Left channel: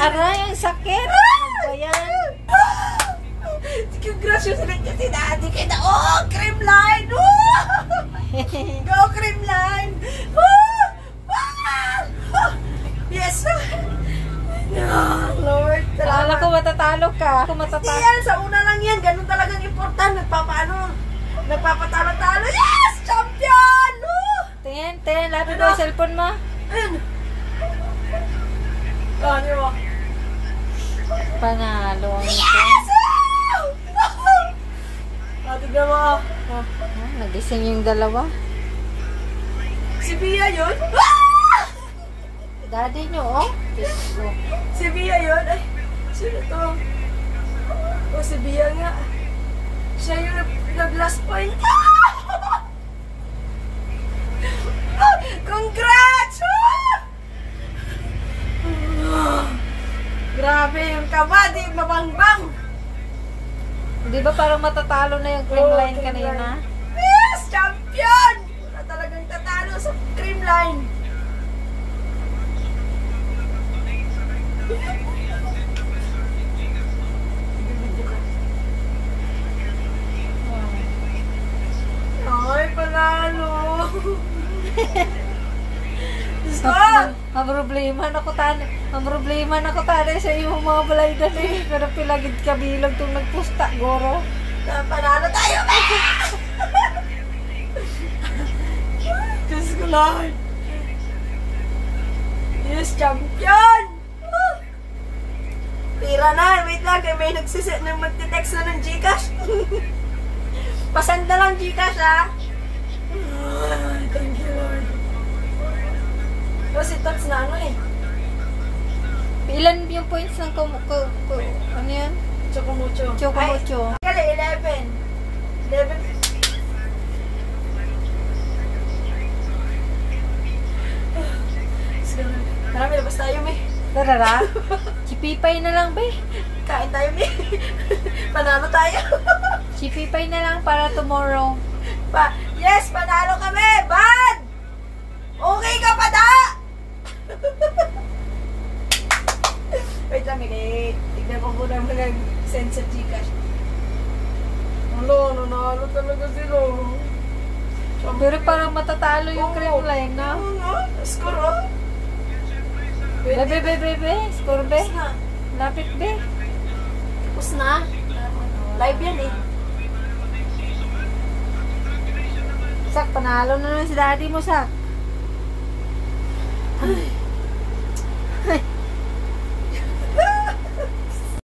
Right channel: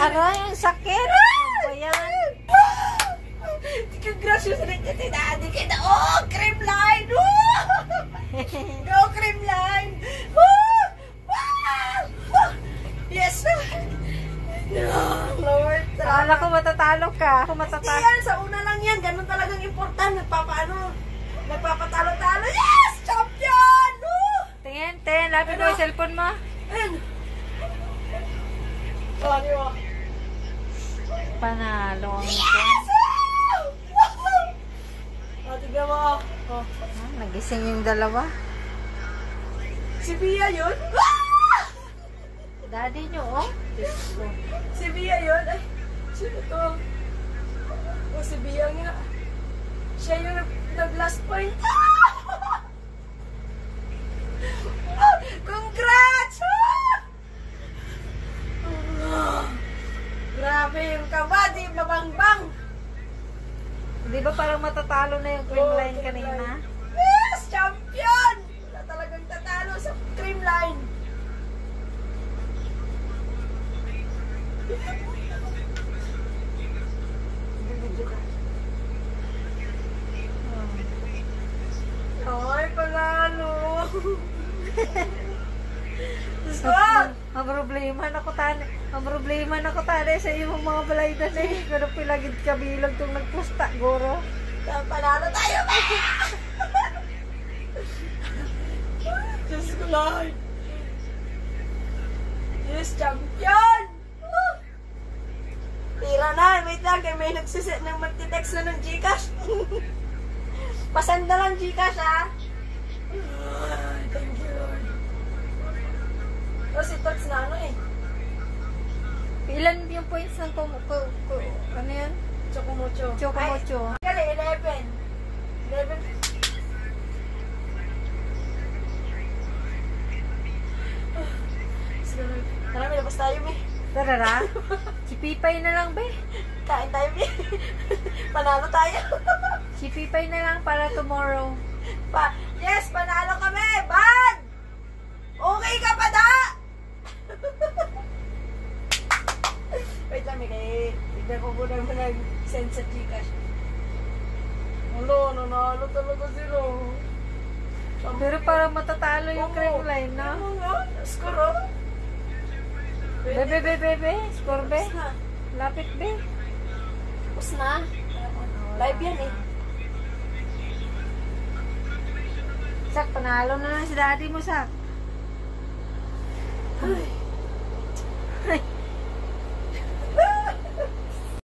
Aray, ang sakit. Ano ba yan? Gracious rin niya si Daddy. Kaya oh, Creamline! Oh! Go, Creamline! Oh! Oh! Yes! No, Lord. Akala ko matatalo ka. Ako Hindi matatalo. yan, sa una lang yan. Ganun talagang important. Nagpapatalo-talo. Yes! Champion! Oh! Tingin. Lapit mo yung cellphone mo. Ayun. Oh, di ba? Panalo. Yes! Tignan mo. Oh. Nagising yung dalawa. Si Bia yun? Daddy nyo, oh. Diyos ko. Si Bia yun? Ay, sino to? Oh, si Bia nga. Siya yung nag-last point. Congrats! Grabe yung kabady, mabangbang. Di ba parang matatalo na yung Creamline kanina? Yes! Champion! Wala talagang tatalo sa Creamline. Ay, panalo! Ang problema na ko tani sa iyong mga balay dali. Pero pilagid kabilog itong nagpusta, goro. Panalo tayo, ba? Diyos ko, Lord. Yes, champion! Tira na, wait lang, kaya may nagsisit ng magtitext na ng Gcash. Pasanda lang Gcash, ha? Ay, thank you, Lord. O, si Tots na ano eh. Ilan yung points ng ano yan? Chocomucho. Chocomucho. Ay, kali, 11. 11. Marami labas tayo, May. Tarara? Chipipay na lang, be. Kain tayo, May. Panalo tayo. Chipipay na lang para tomorrow. Yes, panalo kami. Bad! Okay ka pa, da? Wait lang, May. Tignan ko muna mo nag-send sa Gcash. Nanalo talaga sila. Pero parang matatalo yung Creamline, no? Oo nga. Score, oh. Be. Score, be. Lapit, be. Tapos na. Live yan, eh. Sak, panalo na lang si daddy mo, Sak. Ay.